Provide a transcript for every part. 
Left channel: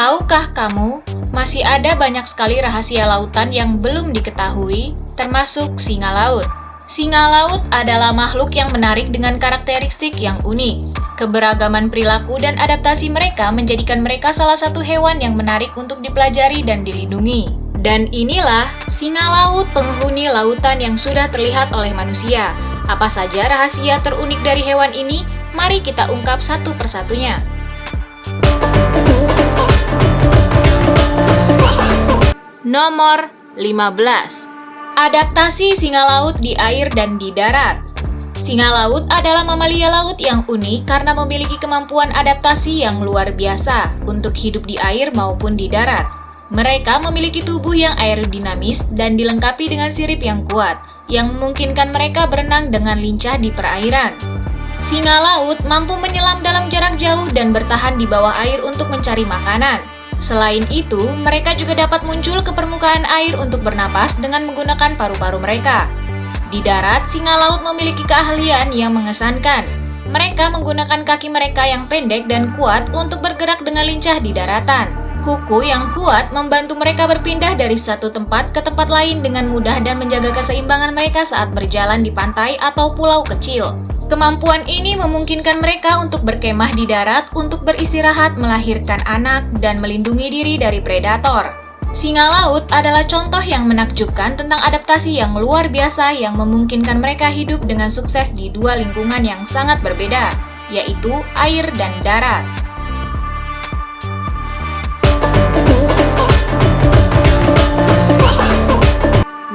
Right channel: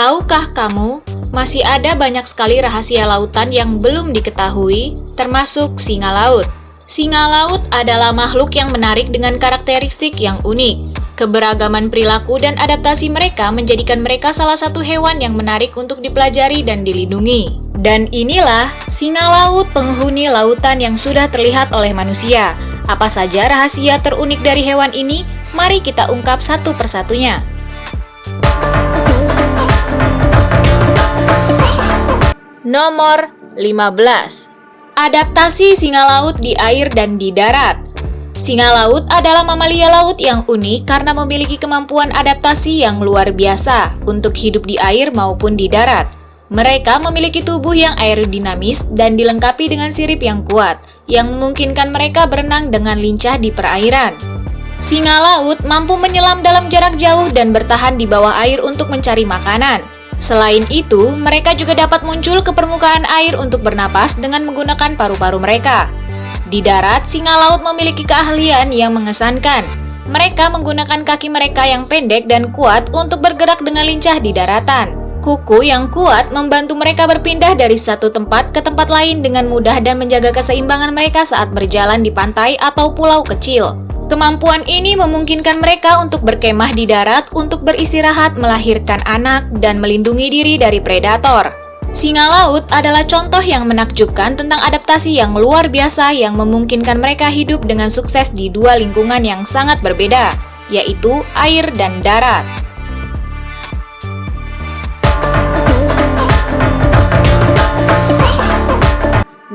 Tahukah kamu, masih ada banyak sekali rahasia lautan yang belum diketahui, termasuk singa laut. Singa laut adalah makhluk yang menarik dengan karakteristik yang unik. Keberagaman perilaku dan adaptasi mereka menjadikan mereka salah satu hewan yang menarik untuk dipelajari dan dilindungi. Dan inilah singa laut, penghuni lautan yang sudah terlihat oleh manusia. Apa saja rahasia terunik dari hewan ini? Mari kita ungkap satu persatunya. Nomor 15. Adaptasi singa laut di air dan di darat. Singa laut adalah mamalia laut yang unik karena memiliki kemampuan adaptasi yang luar biasa untuk hidup di air maupun di darat. Mereka memiliki tubuh yang aerodinamis dan dilengkapi dengan sirip yang kuat, yang memungkinkan mereka berenang dengan lincah di perairan. Singa laut mampu menyelam dalam jarak jauh dan bertahan di bawah air untuk mencari makanan. Selain itu, mereka juga dapat muncul ke permukaan air untuk bernapas dengan menggunakan paru-paru mereka. Di darat, singa laut memiliki keahlian yang mengesankan. Mereka menggunakan kaki mereka yang pendek dan kuat untuk bergerak dengan lincah di daratan. Kuku yang kuat membantu mereka berpindah dari satu tempat ke tempat lain dengan mudah dan menjaga keseimbangan mereka saat berjalan di pantai atau pulau kecil. Kemampuan ini memungkinkan mereka untuk berkemah di darat untuk beristirahat, melahirkan anak, dan melindungi diri dari predator. Singa laut adalah contoh yang menakjubkan tentang adaptasi yang luar biasa yang memungkinkan mereka hidup dengan sukses di dua lingkungan yang sangat berbeda, yaitu air dan darat.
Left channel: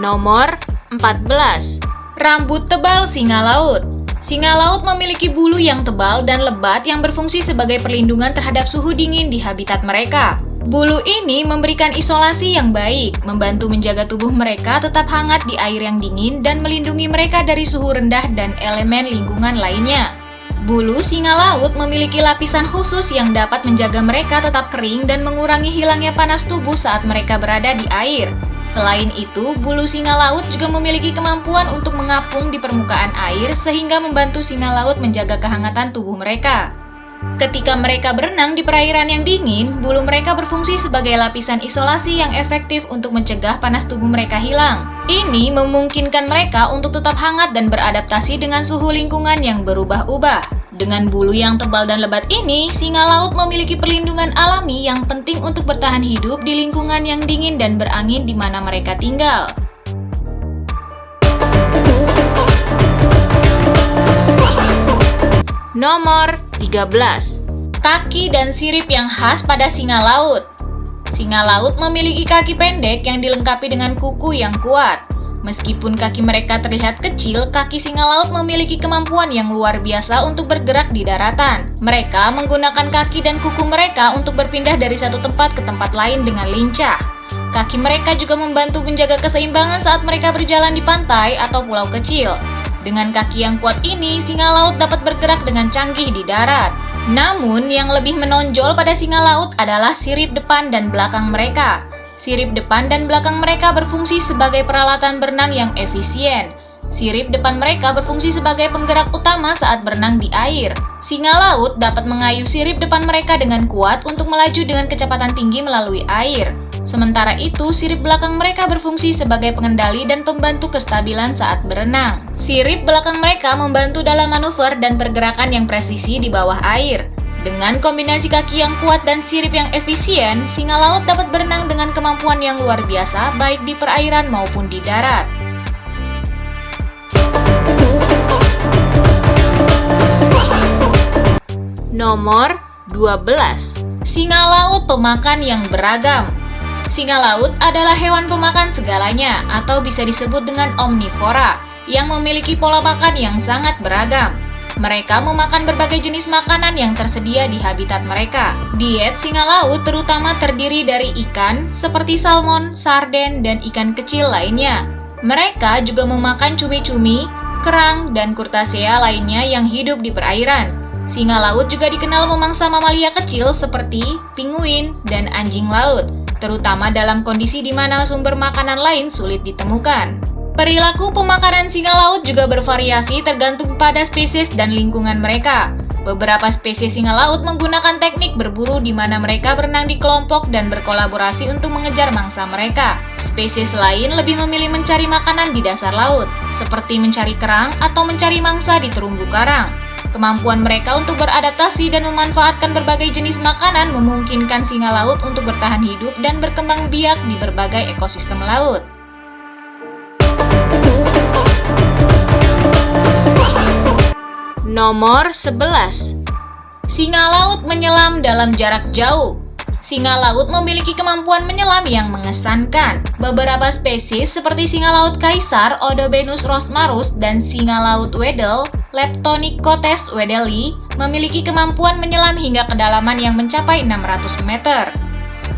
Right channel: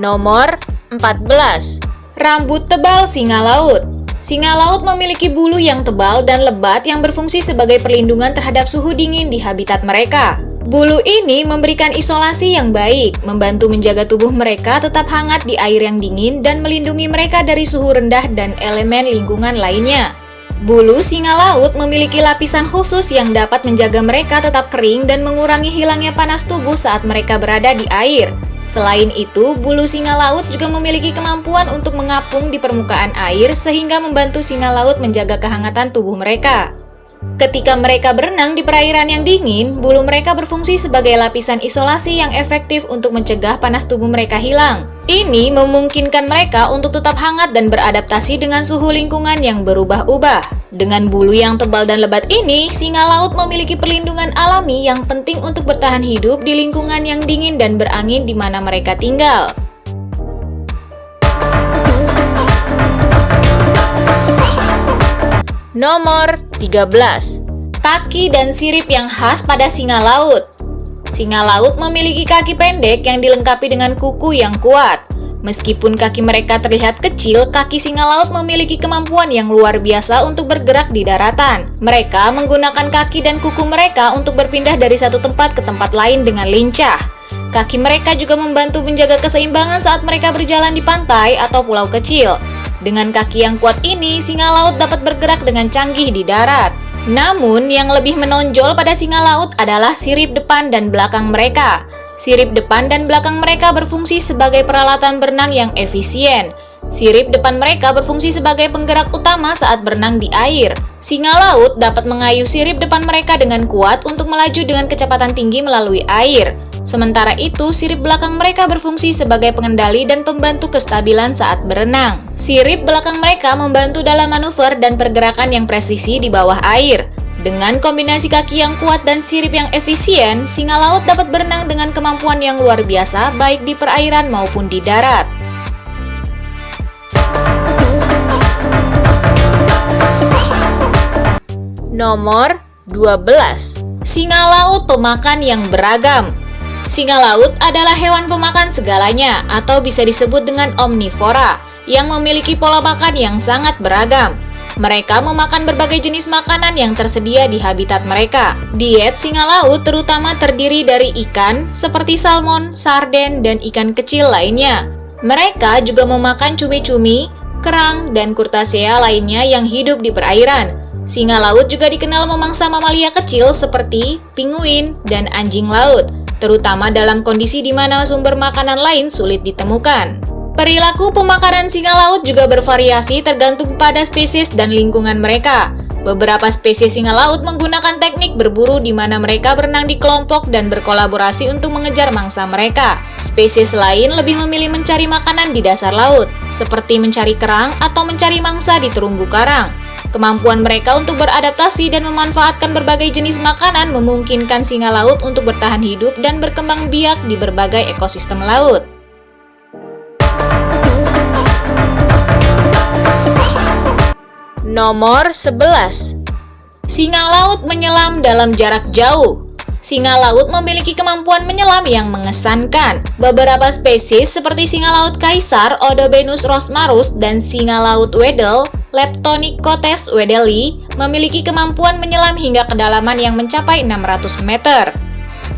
Nomor 14. Rambut tebal singa laut. Singa laut memiliki bulu yang tebal dan lebat yang berfungsi sebagai perlindungan terhadap suhu dingin di habitat mereka. Bulu ini memberikan isolasi yang baik, membantu menjaga tubuh mereka tetap hangat di air yang dingin dan melindungi mereka dari suhu rendah dan elemen lingkungan lainnya. Bulu singa laut memiliki lapisan khusus yang dapat menjaga mereka tetap kering dan mengurangi hilangnya panas tubuh saat mereka berada di air. Selain itu, bulu singa laut juga memiliki kemampuan untuk mengapung di permukaan air sehingga membantu singa laut menjaga kehangatan tubuh mereka. Ketika mereka berenang di perairan yang dingin, bulu mereka berfungsi sebagai lapisan isolasi yang efektif untuk mencegah panas tubuh mereka hilang. Ini memungkinkan mereka untuk tetap hangat dan beradaptasi dengan suhu lingkungan yang berubah-ubah. Dengan bulu yang tebal dan lebat ini, singa laut memiliki perlindungan alami yang penting untuk bertahan hidup di lingkungan yang dingin dan berangin di mana mereka tinggal. Nomor 13. Kaki dan sirip yang khas pada singa laut. Singa laut memiliki kaki pendek yang dilengkapi dengan kuku yang kuat. Meskipun kaki mereka terlihat kecil, kaki singa laut memiliki kemampuan yang luar biasa untuk bergerak di daratan. Mereka menggunakan kaki dan kuku mereka untuk berpindah dari satu tempat ke tempat lain dengan lincah. Kaki mereka juga membantu menjaga keseimbangan saat mereka berjalan di pantai atau pulau kecil. Dengan kaki yang kuat ini, singa laut dapat bergerak dengan canggih di darat. Namun, yang lebih menonjol pada singa laut adalah sirip depan dan belakang mereka. Sirip depan dan belakang mereka berfungsi sebagai peralatan berenang yang efisien. Sirip depan mereka berfungsi sebagai penggerak utama saat berenang di air. Singa laut dapat mengayuh sirip depan mereka dengan kuat untuk melaju dengan kecepatan tinggi melalui air. Sementara itu, sirip belakang mereka berfungsi sebagai pengendali dan pembantu kestabilan saat berenang. Sirip belakang mereka membantu dalam manuver dan pergerakan yang presisi di bawah air. Dengan kombinasi kaki yang kuat dan sirip yang efisien, singa laut dapat berenang dengan kemampuan yang luar biasa baik di perairan maupun di darat. Nomor 12. Singa laut pemakan yang beragam. Singa laut adalah hewan pemakan segalanya atau bisa disebut dengan omnivora yang memiliki pola makan yang sangat beragam. Mereka memakan berbagai jenis makanan yang tersedia di habitat mereka. Diet singa laut terutama terdiri dari ikan seperti salmon, sarden, dan ikan kecil lainnya. Mereka juga memakan cumi-cumi, kerang, dan kurtasea lainnya yang hidup di perairan. Singa laut juga dikenal memangsa mamalia kecil seperti penguin dan anjing laut, terutama dalam kondisi di mana sumber makanan lain sulit ditemukan. Perilaku pemakaran singa laut juga bervariasi tergantung pada spesies dan lingkungan mereka. Beberapa spesies singa laut menggunakan teknik berburu di mana mereka berenang di kelompok dan berkolaborasi untuk mengejar mangsa mereka. Spesies lain lebih memilih mencari makanan di dasar laut, seperti mencari kerang atau mencari mangsa di terumbu karang. Kemampuan mereka untuk beradaptasi dan memanfaatkan berbagai jenis makanan memungkinkan singa laut untuk bertahan hidup dan berkembang biak di berbagai ekosistem laut. Nomor 11. Singa laut menyelam dalam jarak jauh. Singa laut memiliki kemampuan menyelam yang mengesankan. Beberapa spesies seperti singa laut kaisar Odobenus rosmarus dan singa laut wedel Leptonychcotes wedeli memiliki kemampuan menyelam hingga kedalaman yang mencapai 600 meter.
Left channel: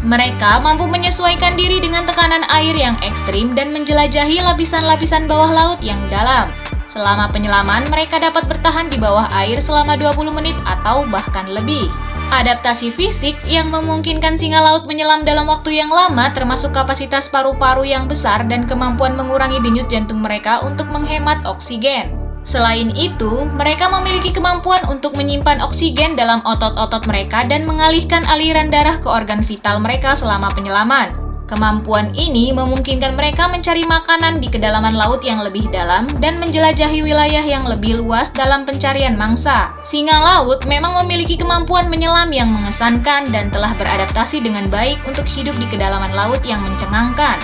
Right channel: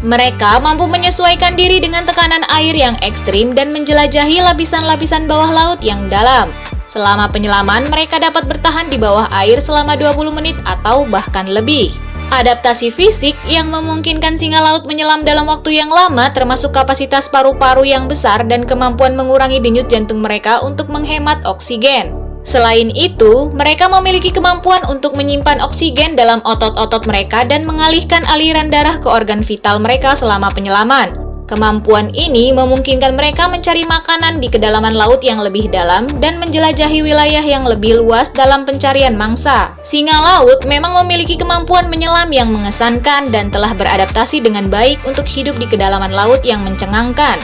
Mereka mampu menyesuaikan diri dengan tekanan air yang ekstrim dan menjelajahi lapisan-lapisan bawah laut yang dalam. Selama penyelaman, mereka dapat bertahan di bawah air selama 20 menit atau bahkan lebih. Adaptasi fisik yang memungkinkan singa laut menyelam dalam waktu yang lama termasuk kapasitas paru-paru yang besar dan kemampuan mengurangi denyut jantung mereka untuk menghemat oksigen. Selain itu, mereka memiliki kemampuan untuk menyimpan oksigen dalam otot-otot mereka dan mengalihkan aliran darah ke organ vital mereka selama penyelaman. Kemampuan ini memungkinkan mereka mencari makanan di kedalaman laut yang lebih dalam dan menjelajahi wilayah yang lebih luas dalam pencarian mangsa. Singa laut memang memiliki kemampuan menyelam yang mengesankan dan telah beradaptasi dengan baik untuk hidup di kedalaman laut yang mencengangkan.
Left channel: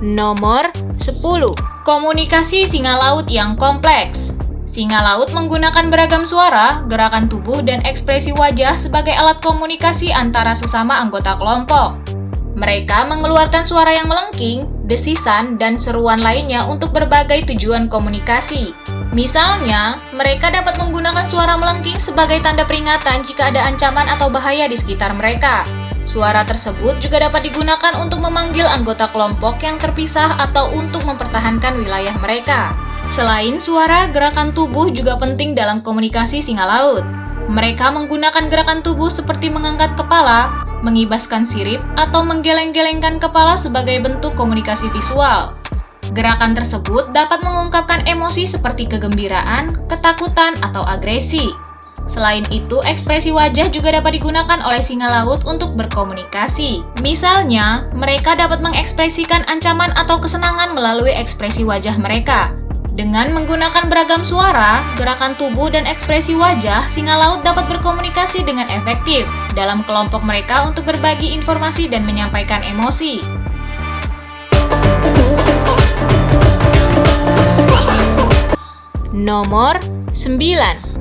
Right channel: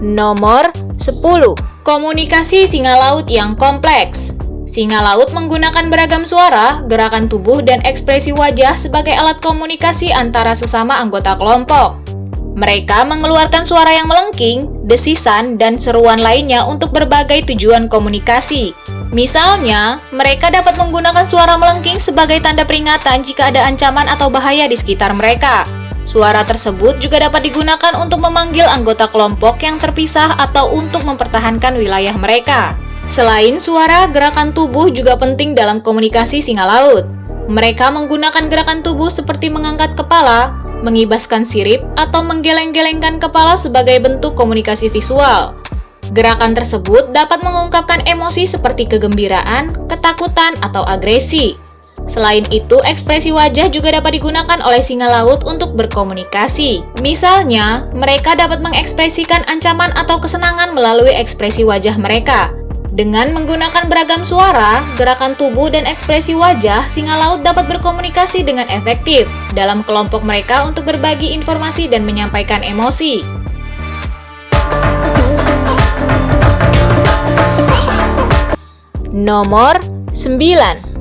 Nomor 10. Komunikasi singa laut yang kompleks. Singa laut menggunakan beragam suara, gerakan tubuh, dan ekspresi wajah sebagai alat komunikasi antara sesama anggota kelompok. Mereka mengeluarkan suara yang melengking, desisan, dan seruan lainnya untuk berbagai tujuan komunikasi. Misalnya, mereka dapat menggunakan suara melengking sebagai tanda peringatan jika ada ancaman atau bahaya di sekitar mereka. Suara tersebut juga dapat digunakan untuk memanggil anggota kelompok yang terpisah atau untuk mempertahankan wilayah mereka. Selain suara, gerakan tubuh juga penting dalam komunikasi singa laut. Mereka menggunakan gerakan tubuh seperti mengangkat kepala, mengibaskan sirip, atau menggeleng-gelengkan kepala sebagai bentuk komunikasi visual. Gerakan tersebut dapat mengungkapkan emosi seperti kegembiraan, ketakutan, atau agresi. Selain itu, ekspresi wajah juga dapat digunakan oleh singa laut untuk berkomunikasi. Misalnya, mereka dapat mengekspresikan ancaman atau kesenangan melalui ekspresi wajah mereka. Dengan menggunakan beragam suara, gerakan tubuh, dan ekspresi wajah, singa laut dapat berkomunikasi dengan efektif dalam kelompok mereka untuk berbagi informasi dan menyampaikan emosi. Nomor 9.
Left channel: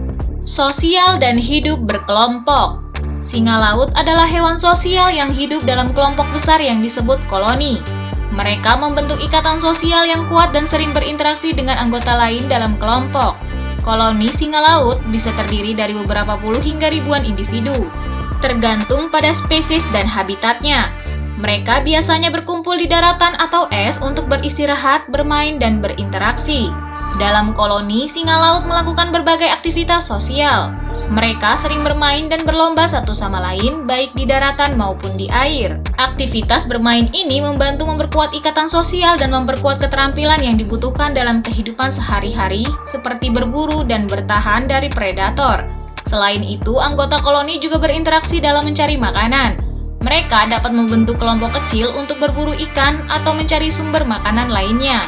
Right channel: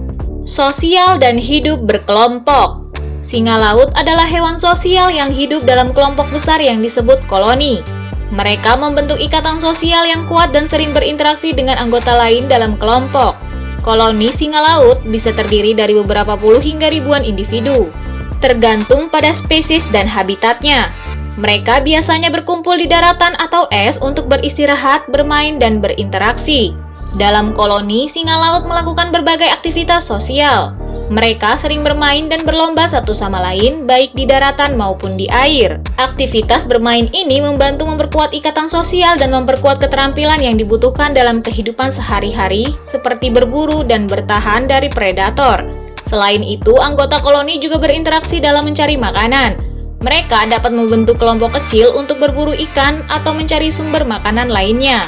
Sosial dan hidup berkelompok. Singa laut adalah hewan sosial yang hidup dalam kelompok besar yang disebut koloni. Mereka membentuk ikatan sosial yang kuat dan sering berinteraksi dengan anggota lain dalam kelompok. Koloni singa laut bisa terdiri dari beberapa puluh hingga ribuan individu, tergantung pada spesies dan habitatnya. Mereka biasanya berkumpul di daratan atau es untuk beristirahat, bermain, dan berinteraksi. Dalam koloni, singa laut melakukan berbagai aktivitas sosial. Mereka sering bermain dan berlomba satu sama lain, baik di daratan maupun di air. Aktivitas bermain ini membantu memperkuat ikatan sosial dan memperkuat keterampilan yang dibutuhkan dalam kehidupan sehari-hari, seperti berburu dan bertahan dari predator. Selain itu, anggota koloni juga berinteraksi dalam mencari makanan. Mereka dapat membentuk kelompok kecil untuk berburu ikan atau mencari sumber makanan lainnya.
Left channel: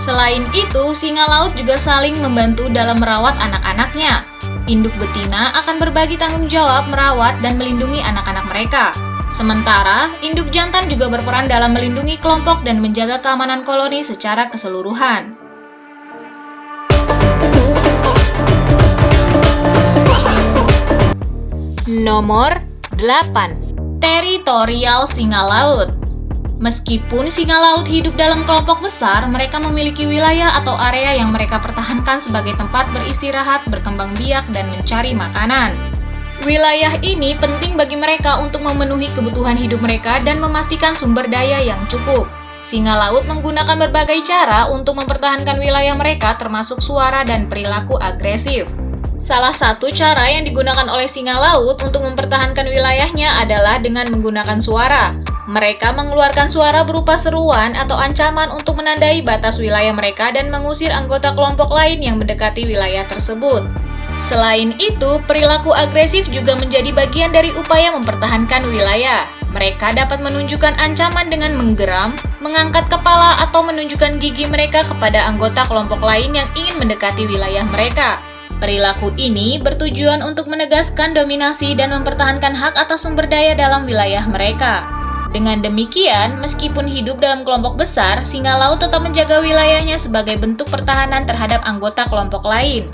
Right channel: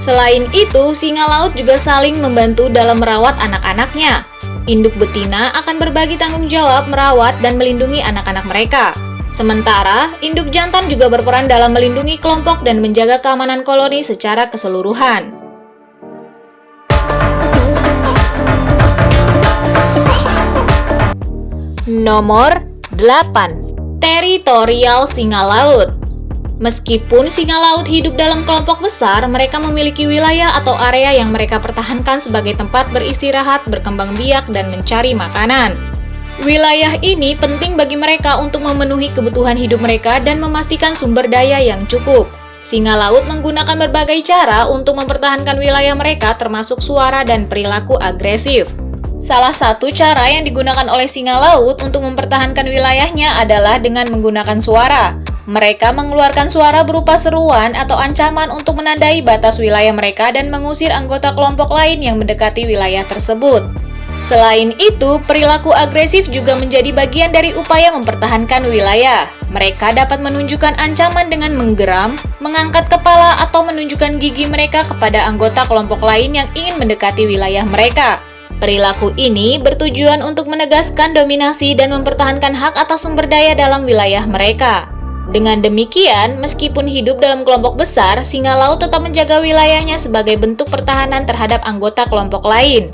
Selain itu, singa laut juga saling membantu dalam merawat anak-anaknya. Induk betina akan berbagi tanggung jawab merawat dan melindungi anak-anak mereka. Sementara, induk jantan juga berperan dalam melindungi kelompok dan menjaga keamanan koloni secara keseluruhan. Nomor 8. Teritorial singa laut. Meskipun singa laut hidup dalam kelompok besar, mereka memiliki wilayah atau area yang mereka pertahankan sebagai tempat beristirahat, berkembang biak, dan mencari makanan. Wilayah ini penting bagi mereka untuk memenuhi kebutuhan hidup mereka dan memastikan sumber daya yang cukup. Singa laut menggunakan berbagai cara untuk mempertahankan wilayah mereka, termasuk suara dan perilaku agresif. Salah satu cara yang digunakan oleh singa laut untuk mempertahankan wilayahnya adalah dengan menggunakan suara. Mereka mengeluarkan suara berupa seruan atau ancaman untuk menandai batas wilayah mereka dan mengusir anggota kelompok lain yang mendekati wilayah tersebut. Selain itu, perilaku agresif juga menjadi bagian dari upaya mempertahankan wilayah. Mereka dapat menunjukkan ancaman dengan menggeram, mengangkat kepala, atau menunjukkan gigi mereka kepada anggota kelompok lain yang ingin mendekati wilayah mereka. Perilaku ini bertujuan untuk menegaskan dominasi dan mempertahankan hak atas sumber daya dalam wilayah mereka. Dengan demikian, meskipun hidup dalam kelompok besar, singa laut tetap menjaga wilayahnya sebagai bentuk pertahanan terhadap anggota kelompok lain.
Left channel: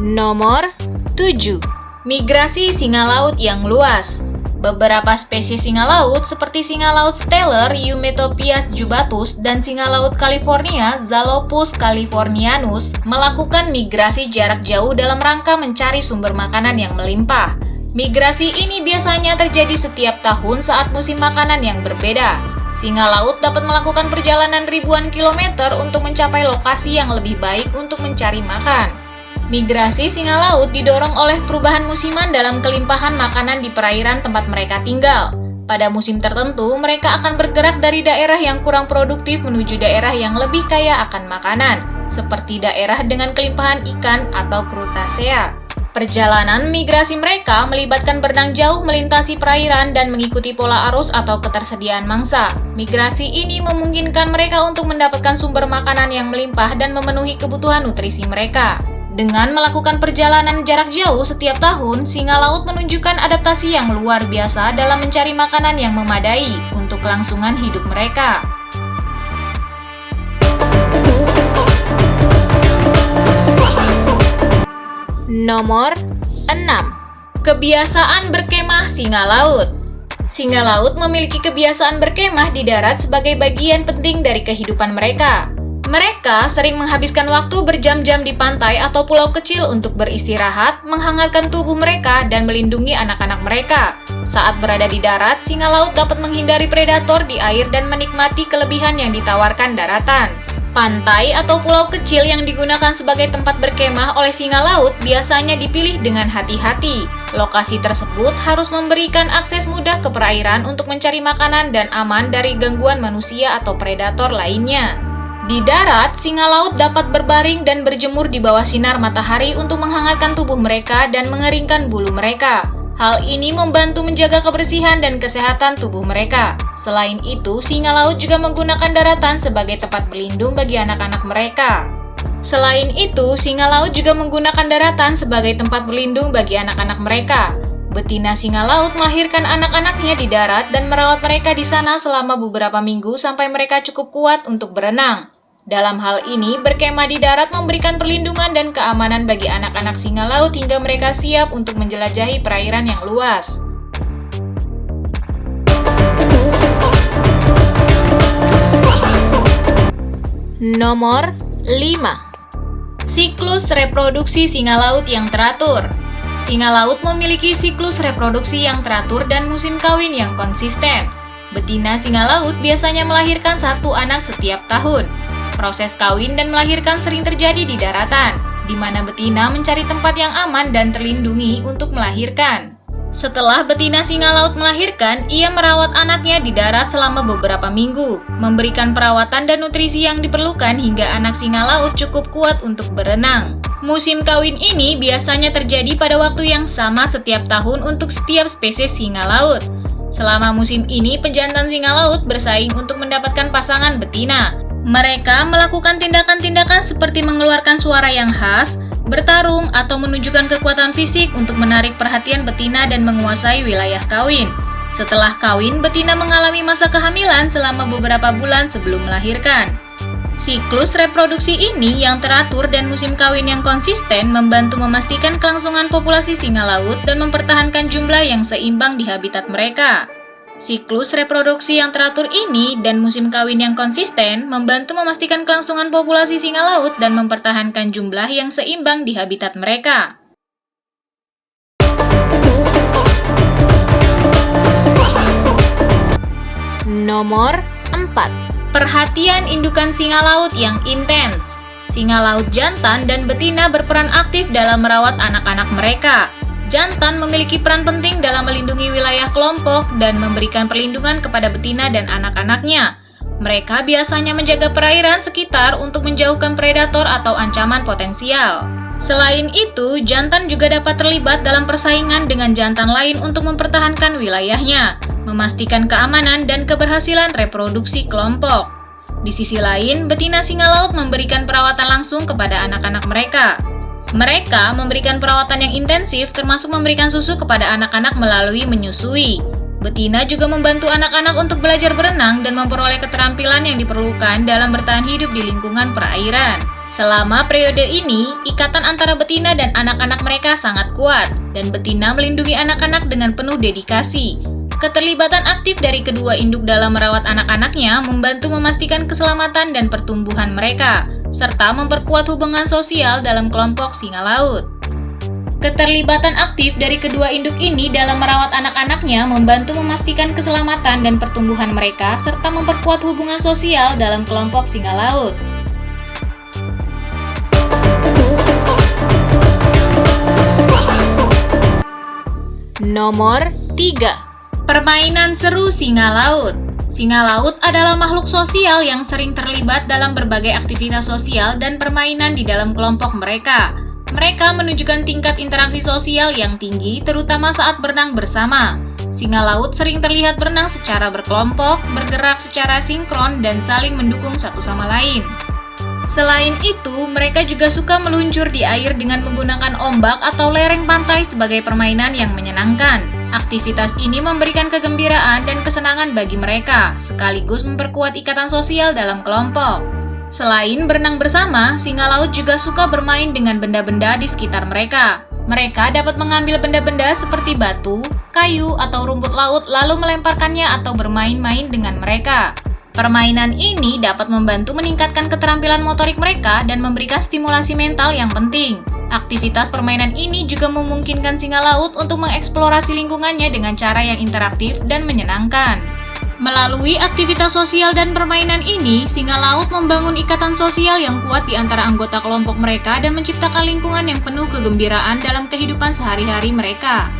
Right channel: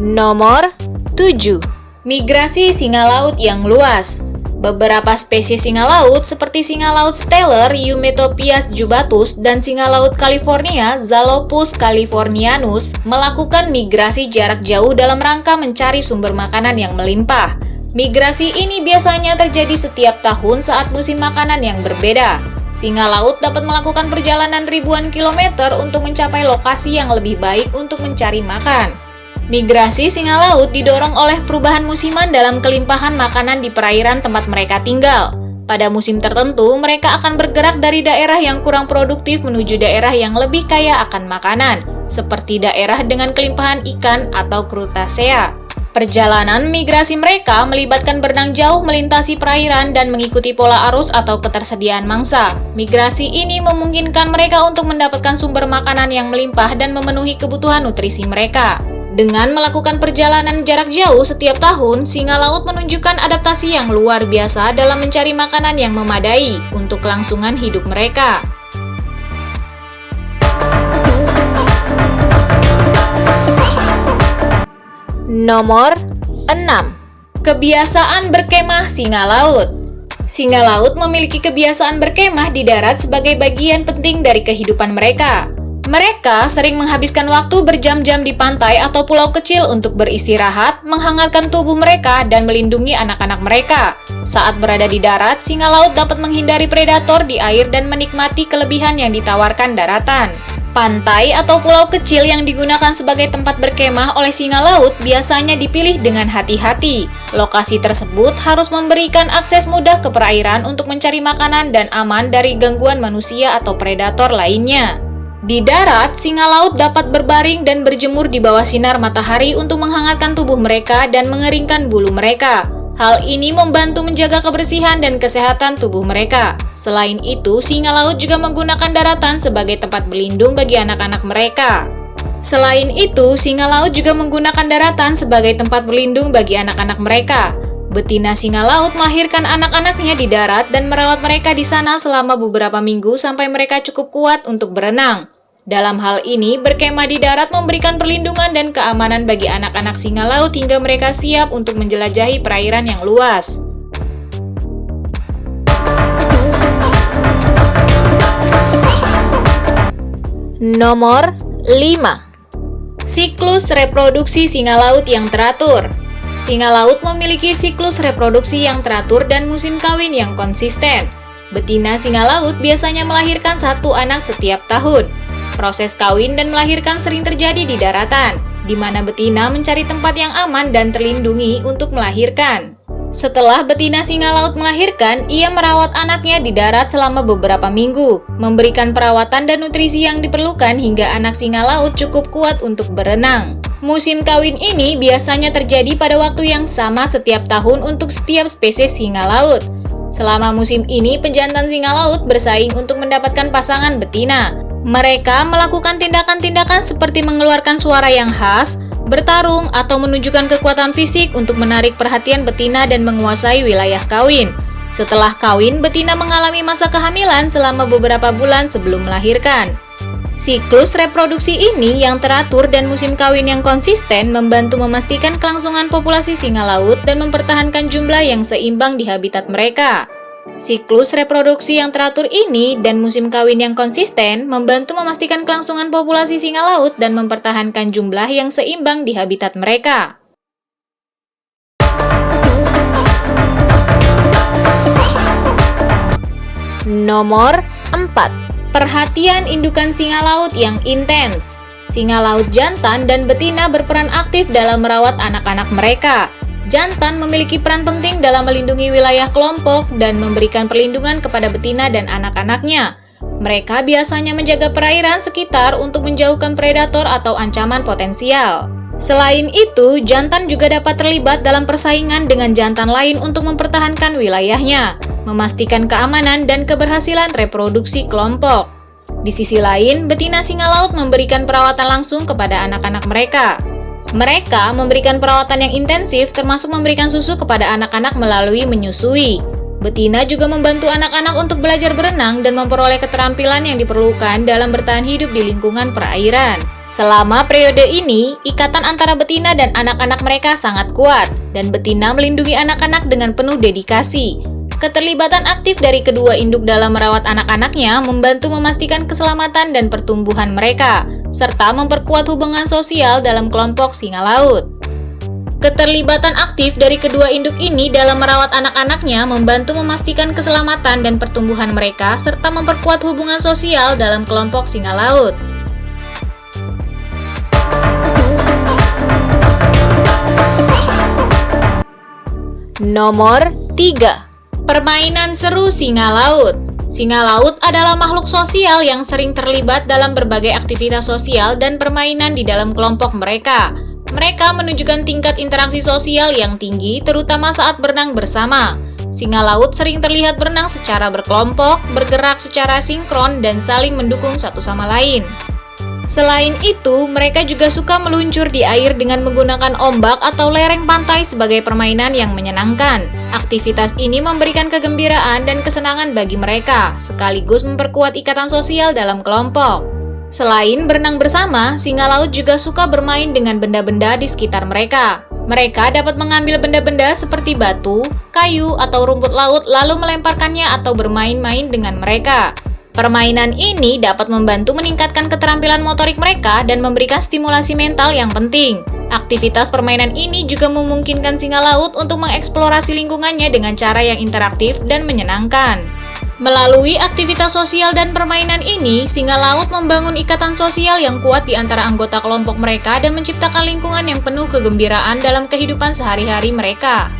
Nomor 7. Migrasi singa laut yang luas. Beberapa spesies singa laut seperti singa laut Steller Eumetopias jubatus dan singa laut California Zalopus californianus melakukan migrasi jarak jauh dalam rangka mencari sumber makanan yang melimpah. Migrasi ini biasanya terjadi setiap tahun saat musim makanan yang berbeda. Singa laut dapat melakukan perjalanan ribuan kilometer untuk mencapai lokasi yang lebih baik untuk mencari makan. Migrasi singa laut didorong oleh perubahan musiman dalam kelimpahan makanan di perairan tempat mereka tinggal. Pada musim tertentu, mereka akan bergerak dari daerah yang kurang produktif menuju daerah yang lebih kaya akan makanan, seperti daerah dengan kelimpahan ikan atau Crustacea. Perjalanan migrasi mereka melibatkan berenang jauh melintasi perairan dan mengikuti pola arus atau ketersediaan mangsa. Migrasi ini memungkinkan mereka untuk mendapatkan sumber makanan yang melimpah dan memenuhi kebutuhan nutrisi mereka. Dengan melakukan perjalanan jarak jauh setiap tahun, singa laut menunjukkan adaptasi yang luar biasa dalam mencari makanan yang memadai untuk kelangsungan hidup mereka. Nomor 6. Kebiasaan berkemah singa laut. Singa laut memiliki kebiasaan berkemah di darat sebagai bagian penting dari kehidupan mereka. Mereka sering menghabiskan waktu berjam-jam di pantai atau pulau kecil untuk beristirahat, menghangatkan tubuh mereka, dan melindungi anak-anak mereka. Saat berada di darat, singa laut dapat menghindari predator di air dan menikmati kelebihan yang ditawarkan daratan. Pantai atau pulau kecil yang digunakan sebagai tempat berkemah oleh singa laut biasanya dipilih dengan hati-hati. Lokasi tersebut harus memberikan akses mudah ke perairan untuk mencari makanan dan aman dari gangguan manusia atau predator lainnya. Di darat, singa laut dapat berbaring dan berjemur di bawah sinar matahari untuk menghangatkan tubuh mereka dan mengeringkan bulu mereka. Hal ini membantu menjaga kebersihan dan kesehatan tubuh mereka. Selain itu, singa laut juga menggunakan daratan sebagai tempat berlindung bagi anak-anak mereka. Selain itu, singa laut juga menggunakan daratan sebagai tempat berlindung bagi anak-anak mereka. Betina singa laut melahirkan anak-anaknya di darat dan merawat mereka di sana selama beberapa minggu sampai mereka cukup kuat untuk berenang. Dalam hal ini, berkemah di darat memberikan perlindungan dan keamanan bagi anak-anak singa laut hingga mereka siap untuk menjelajahi perairan yang luas. Nomor 5. Siklus reproduksi singa laut yang teratur. Singa laut memiliki siklus reproduksi yang teratur dan musim kawin yang konsisten. Betina singa laut biasanya melahirkan satu anak setiap tahun. Proses kawin dan melahirkan sering terjadi di daratan, di mana betina mencari tempat yang aman dan terlindungi untuk melahirkan. Setelah betina singa laut melahirkan, ia merawat anaknya di darat selama beberapa minggu, memberikan perawatan dan nutrisi yang diperlukan hingga anak singa laut cukup kuat untuk berenang. Musim kawin ini biasanya terjadi pada waktu yang sama setiap tahun untuk setiap spesies singa laut. Selama musim ini, pejantan singa laut bersaing untuk mendapatkan pasangan betina. Mereka melakukan tindakan-tindakan seperti mengeluarkan suara yang khas, bertarung, atau menunjukkan kekuatan fisik untuk menarik perhatian betina dan menguasai wilayah kawin. Setelah kawin, betina mengalami masa kehamilan selama beberapa bulan sebelum melahirkan. Siklus reproduksi ini yang teratur dan musim kawin yang konsisten membantu memastikan kelangsungan populasi singa laut dan mempertahankan jumlah yang seimbang di habitat mereka. Siklus reproduksi yang teratur ini dan musim kawin yang konsisten membantu memastikan kelangsungan populasi singa laut dan mempertahankan jumlah yang seimbang di habitat mereka. Nomor 4. Perhatian indukan singa laut yang intens. Singa laut jantan dan betina berperan aktif dalam merawat anak-anak mereka. Jantan memiliki peran penting dalam melindungi wilayah kelompok dan memberikan perlindungan kepada betina dan anak-anaknya. Mereka biasanya menjaga perairan sekitar untuk menjauhkan predator atau ancaman potensial. Selain itu, jantan juga dapat terlibat dalam persaingan dengan jantan lain untuk mempertahankan wilayahnya, memastikan keamanan dan keberhasilan reproduksi kelompok. Di sisi lain, betina singa laut memberikan perawatan langsung kepada anak-anak mereka. Mereka memberikan perawatan yang intensif termasuk memberikan susu kepada anak-anak melalui menyusui. Betina juga membantu anak-anak untuk belajar berenang dan memperoleh keterampilan yang diperlukan dalam bertahan hidup di lingkungan perairan. Selama periode ini, ikatan antara betina dan anak-anak mereka sangat kuat, dan betina melindungi anak-anak dengan penuh dedikasi. Keterlibatan aktif dari kedua induk dalam merawat anak-anaknya membantu memastikan keselamatan dan pertumbuhan mereka, serta memperkuat hubungan sosial dalam kelompok singa laut. Keterlibatan aktif dari kedua induk ini dalam merawat anak-anaknya membantu memastikan keselamatan dan pertumbuhan mereka, serta memperkuat hubungan sosial dalam kelompok singa laut. Nomor 3. Permainan seru singa laut. Singa laut adalah makhluk sosial yang sering terlibat dalam berbagai aktivitas sosial dan permainan di dalam kelompok mereka. Mereka menunjukkan tingkat interaksi sosial yang tinggi, terutama saat berenang bersama. Singa laut sering terlihat berenang secara berkelompok, bergerak secara sinkron, dan saling mendukung satu sama lain. Selain itu, mereka juga suka meluncur di air dengan menggunakan ombak atau lereng pantai sebagai permainan yang menyenangkan. Aktivitas ini memberikan kegembiraan dan kesenangan bagi mereka, sekaligus memperkuat ikatan sosial dalam kelompok. Selain berenang bersama, singa laut juga suka bermain dengan benda-benda di sekitar mereka. Mereka dapat mengambil benda-benda seperti batu, kayu, atau rumput laut lalu melemparkannya atau bermain-main dengan mereka. Permainan ini dapat membantu meningkatkan keterampilan motorik mereka dan memberikan stimulasi mental yang penting. Aktivitas permainan ini juga memungkinkan singa laut untuk mengeksplorasi lingkungannya dengan cara yang interaktif dan menyenangkan. Melalui aktivitas sosial dan permainan ini, singa laut membangun ikatan sosial yang kuat di antara anggota kelompok mereka dan menciptakan lingkungan yang penuh kegembiraan dalam kehidupan sehari-hari mereka.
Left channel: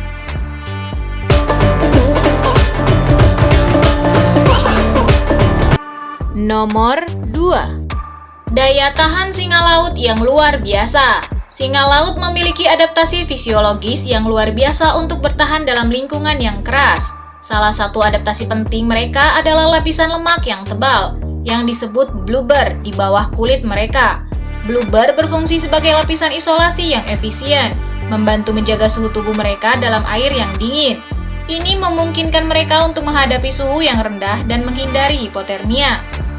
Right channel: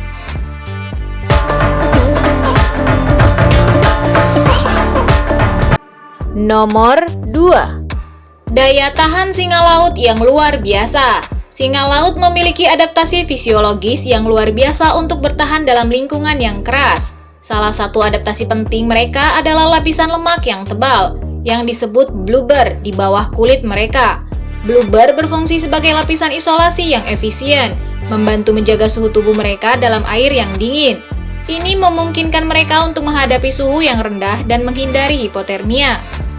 Nomor 2. Daya tahan singa laut yang luar biasa. Singa laut memiliki adaptasi fisiologis yang luar biasa untuk bertahan dalam lingkungan yang keras. Salah satu adaptasi penting mereka adalah lapisan lemak yang tebal, yang disebut blubber di bawah kulit mereka. Blubber berfungsi sebagai lapisan isolasi yang efisien, membantu menjaga suhu tubuh mereka dalam air yang dingin. Ini memungkinkan mereka untuk menghadapi suhu yang rendah dan menghindari hipotermia.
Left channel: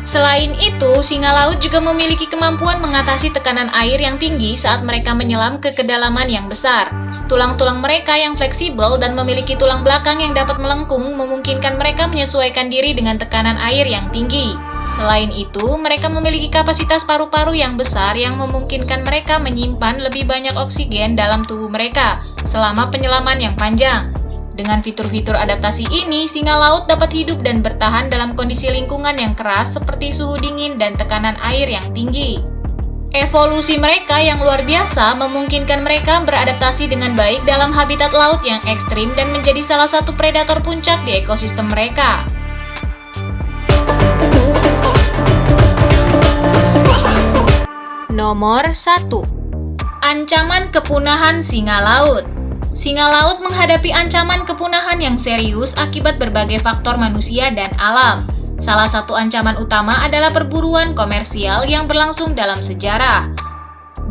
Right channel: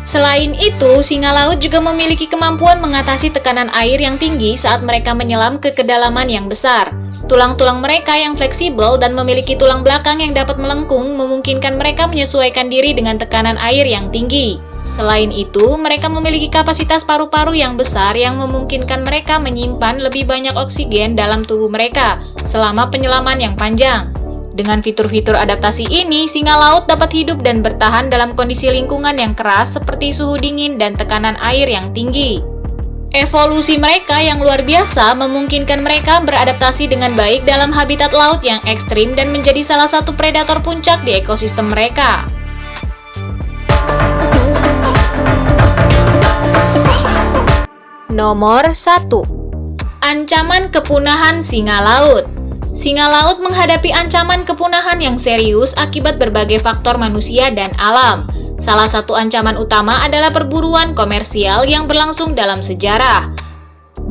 Selain itu, singa laut juga memiliki kemampuan mengatasi tekanan air yang tinggi saat mereka menyelam ke kedalaman yang besar. Tulang-tulang mereka yang fleksibel dan memiliki tulang belakang yang dapat melengkung memungkinkan mereka menyesuaikan diri dengan tekanan air yang tinggi. Selain itu, mereka memiliki kapasitas paru-paru yang besar yang memungkinkan mereka menyimpan lebih banyak oksigen dalam tubuh mereka selama penyelaman yang panjang. Dengan fitur-fitur adaptasi ini, singa laut dapat hidup dan bertahan dalam kondisi lingkungan yang keras seperti suhu dingin dan tekanan air yang tinggi. Evolusi mereka yang luar biasa memungkinkan mereka beradaptasi dengan baik dalam habitat laut yang ekstrim dan menjadi salah satu predator puncak di ekosistem mereka. Nomor 1. Ancaman kepunahan singa laut. Singa laut menghadapi ancaman kepunahan yang serius akibat berbagai faktor manusia dan alam. Salah satu ancaman utama adalah perburuan komersial yang berlangsung dalam sejarah.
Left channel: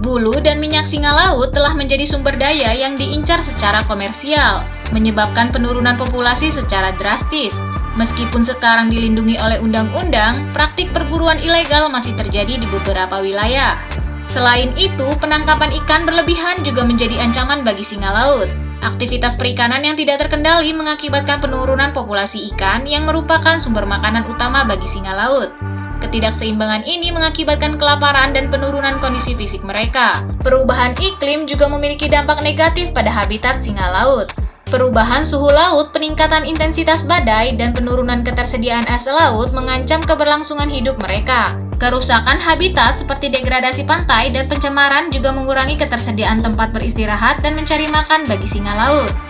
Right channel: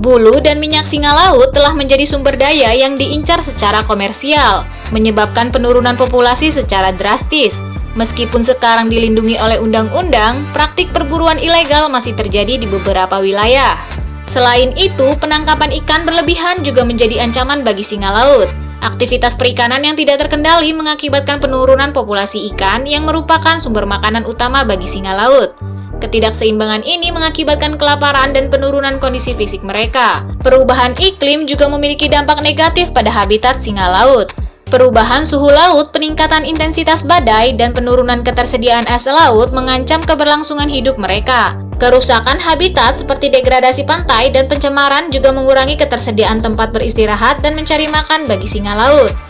Bulu dan minyak singa laut telah menjadi sumber daya yang diincar secara komersial, menyebabkan penurunan populasi secara drastis. Meskipun sekarang dilindungi oleh undang-undang, praktik perburuan ilegal masih terjadi di beberapa wilayah. Selain itu, penangkapan ikan berlebihan juga menjadi ancaman bagi singa laut. Aktivitas perikanan yang tidak terkendali mengakibatkan penurunan populasi ikan yang merupakan sumber makanan utama bagi singa laut. Ketidakseimbangan ini mengakibatkan kelaparan dan penurunan kondisi fisik mereka. Perubahan iklim juga memiliki dampak negatif pada habitat singa laut. Perubahan suhu laut, peningkatan intensitas badai, dan penurunan ketersediaan es laut mengancam keberlangsungan hidup mereka. Kerusakan habitat seperti degradasi pantai dan pencemaran juga mengurangi ketersediaan tempat beristirahat dan mencari makan bagi singa laut.